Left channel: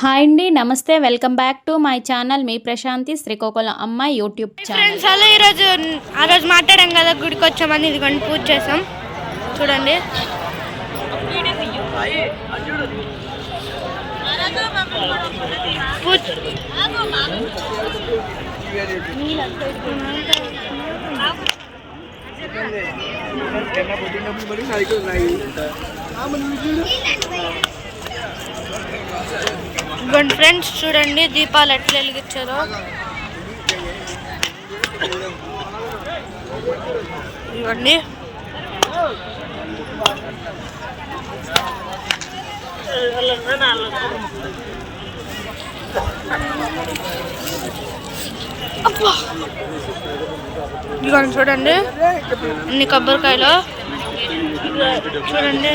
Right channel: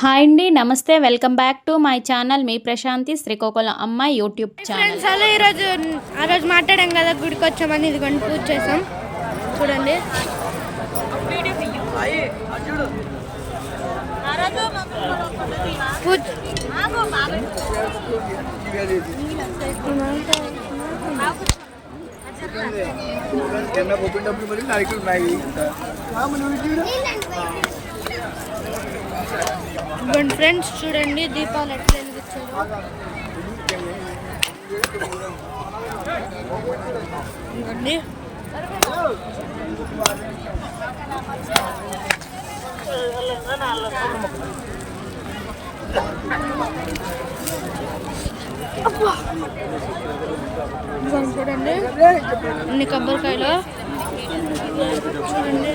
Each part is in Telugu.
హాయ్ అండి, నమస్తే. Welcome back to my channel. మీ ప్రశాంతి శ్రీకాకుళం అమ్మ యూట్యూబ్ ఛానల్. ఫ్రెండ్స్, ఈరోజు మాట్లాడాం కదా, గుడికి వచ్చామని ఇదిగోండి పూజ చేసాం. చూడండి, పూజ ఫ్రెండ్స్ చూడండి దీపాలు ఎట్లా వెలిగించారో. ఇవ్వండి, ఇదిగోండి చూడండి అన్ని కొబ్బరికాయలు చూడండి.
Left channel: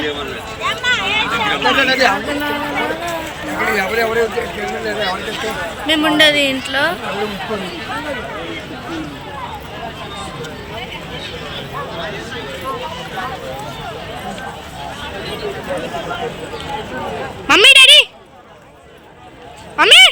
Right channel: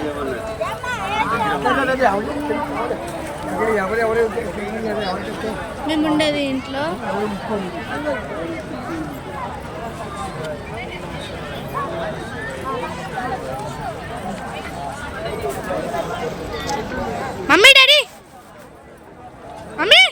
మేము ఉండేది ఇంట్లో. మమ్మీ డాడీ మమ్మీ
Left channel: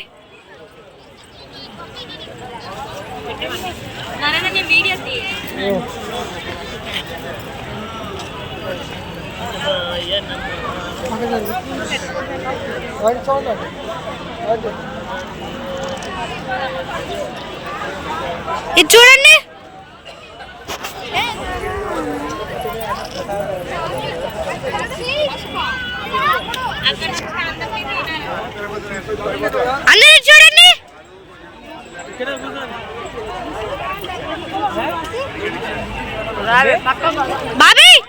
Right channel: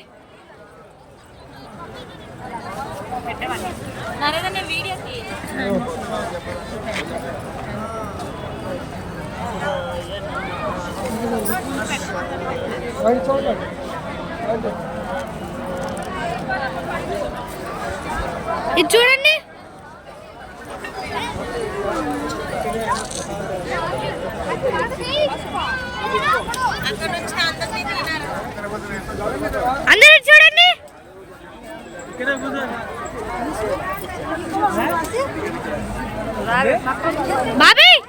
ఇది చూడండి. అందరూ చూడండి. బాబాయ్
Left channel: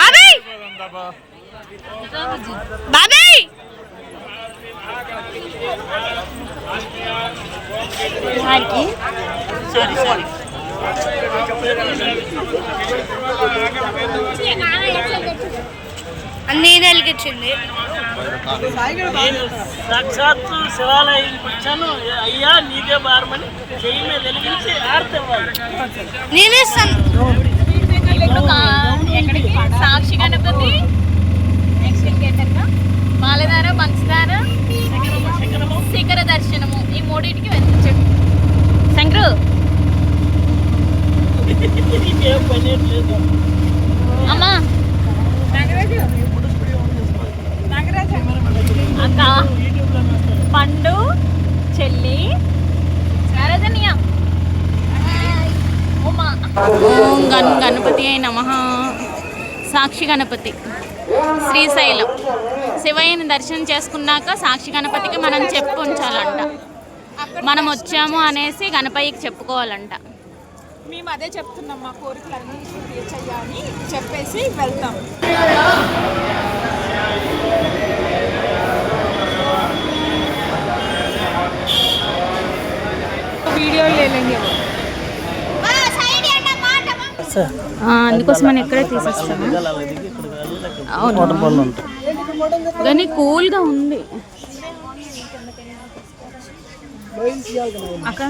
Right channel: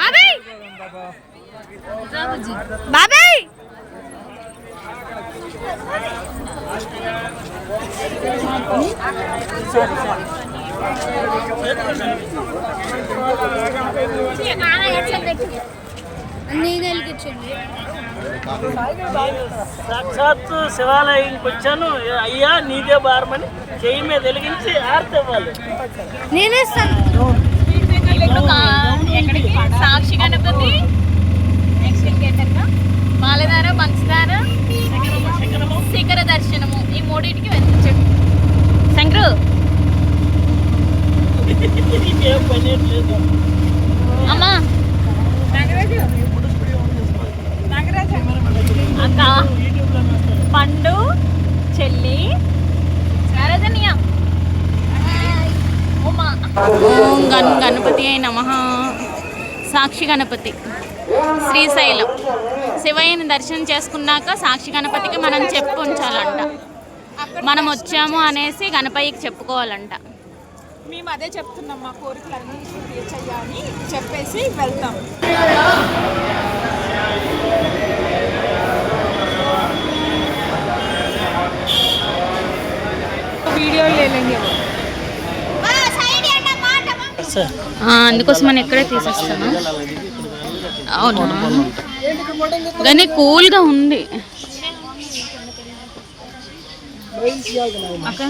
బాబాయ్ బాబాయ్ అన్నీ వెలిగించింది. సాక్షాత్తు శివాలయంకి వచ్చాను. అయ్యా నీదే బారమని చెయ్యి మీద వెలిగించి ఆర్తివ్వాలి. నేనే సాక్షి గణపతి, నెక్స్ట్ ఇంకేంటన్నా మాలధార, పంచదార, శిఖర దర్శనము, ఈ మూడింటికి వెళ్ళించండి. శంకరు అమ్మా అక్క, పండు, చెల్లి, ఓం గణపతి అయి నమః. సాక్షి గణపతి, శ్రీశైలం. శివయ్యని దర్శనం చేసుకున్నాక సాక్షి గణపతికి మనం చెప్పు ఉంచాలంట. మనం వచ్చాము అనేసి గణపతికి చెప్పుకోవాలంట. మేము అదే చెప్తున్నాం, మా కోరికలన్నీ తీర్చయ్యా అని చెప్పేసి వెళ్తాం. వీడియో లేదండి, అందుకోసం మనం ఇక్కడే తీసేస్తాను. అవునా, కానీ కూల్గా ఉంది అక్క.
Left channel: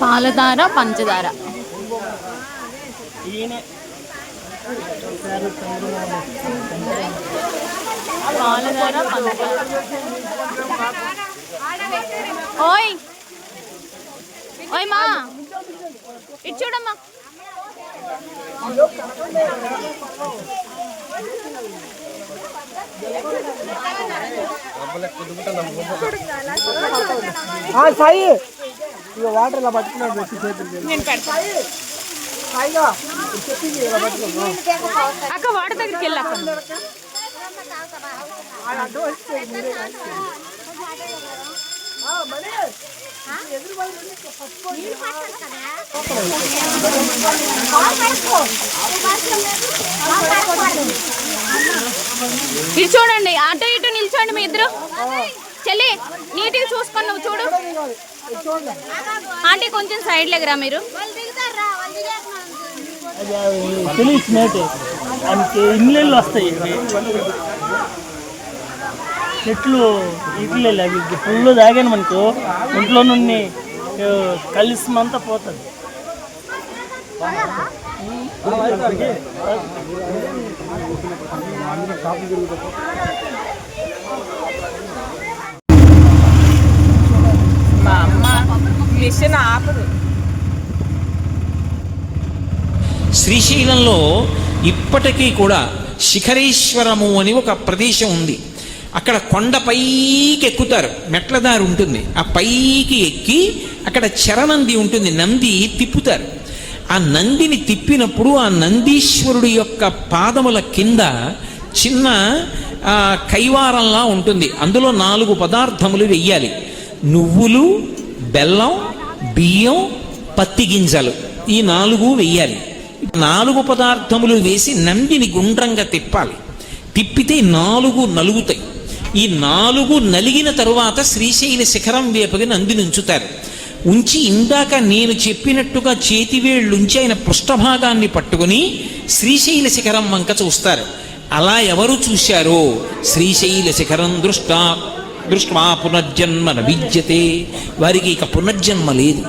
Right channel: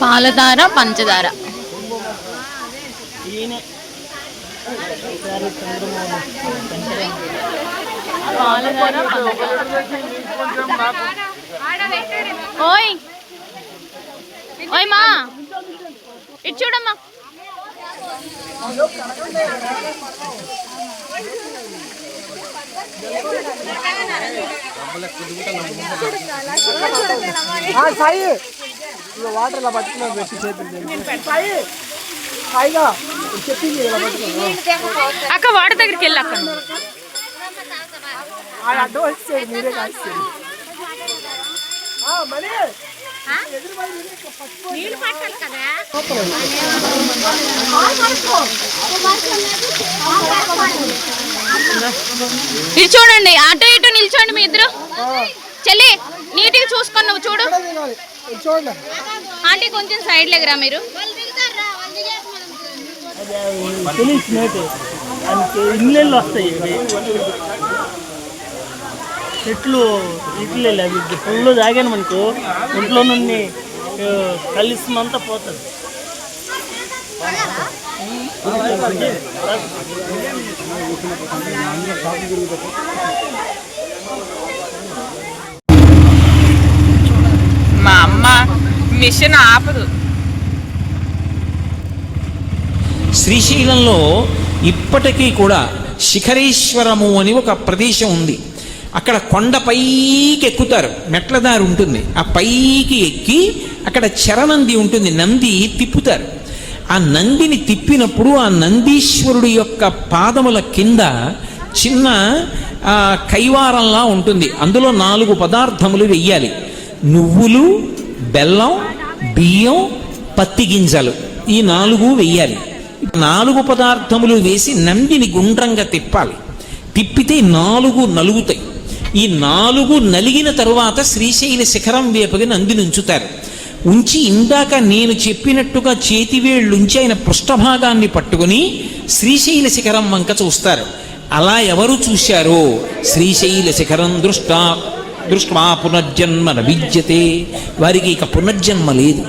పాలధార, పంచదార. పాలధార, పంచదార. ఓయ్ ఓయ్ మా, ఇటు చూడమ్మా. వాటర్ ఇలా పట్టుకున్నాను. అక్క వాటర్ దగ్గరికి వెళ్ళి అక్క నువ్వు. ఇది చూడండి, అటు ఇటు నిల్చోండి మీ ఇద్దరు. చెల్లి నీటికి చూసుకొని నువ్వు చూడు. ఆంటీ కొంచెం సైడ్ లేకరా మీరు. తెలిసి మేటే దానికి ఇళ్ళెళ్ళు వస్తాయి. ఇవి చెట్లు ఇట్లు అవి పుల్లో తాగాను మనకు ఇంట్లో నుండి కలిసిమంతా పోతుంది. మా అమ్మ మిషన్ ఆపదు. శ్రీశైలంలో ఇప్పటికీ కూడా శిఖరేశ్వరము అని ఒక ప్రదేశం ఉంది. అక్కడ కొండ పైకి ఎక్కుతారు, మెట్ల దారి ఉంటుంది. ఆ పైకి ఎక్కి అక్కడ చరనంది ఉంటుంది, నంది తిప్పుతారు. ఆ నందిని తిప్పినప్పుడు ఆ నందీశ్వరుడు యొక్క పాదముల కింద చిన్న కైవారంలా ఉంటుంది. అందులో 4 పదార్థములు వెయ్యాలి. నువ్వులు, బెల్లం, బియ్యం, పత్తి గింజలు, ఈ 4 వెయ్యాలి. 4 పదార్థములు వేసి నందిని గుండ్రంగా తిప్పాలి. తిప్పితే 4 నలుగుతాయి. ఈ 4 నలిగిన తరువాత శ్రీశైల శిఖరం వేపకి నందిని ఉంచుతారు. ఉంచి ఇందాక నేను చెప్పినట్టుగా చేతివేళ్ళుంచి ఆయన పృష్ఠభాగాన్ని పట్టుకుని శ్రీశైల శిఖరం వంక చూస్తారు. అలా ఎవరు చూశారో శ్రీశైల శిఖరం దృష్ట్వా పునర్జన్మ న విద్యతే, వారికి ఇక పునర్జన్మ లేదు.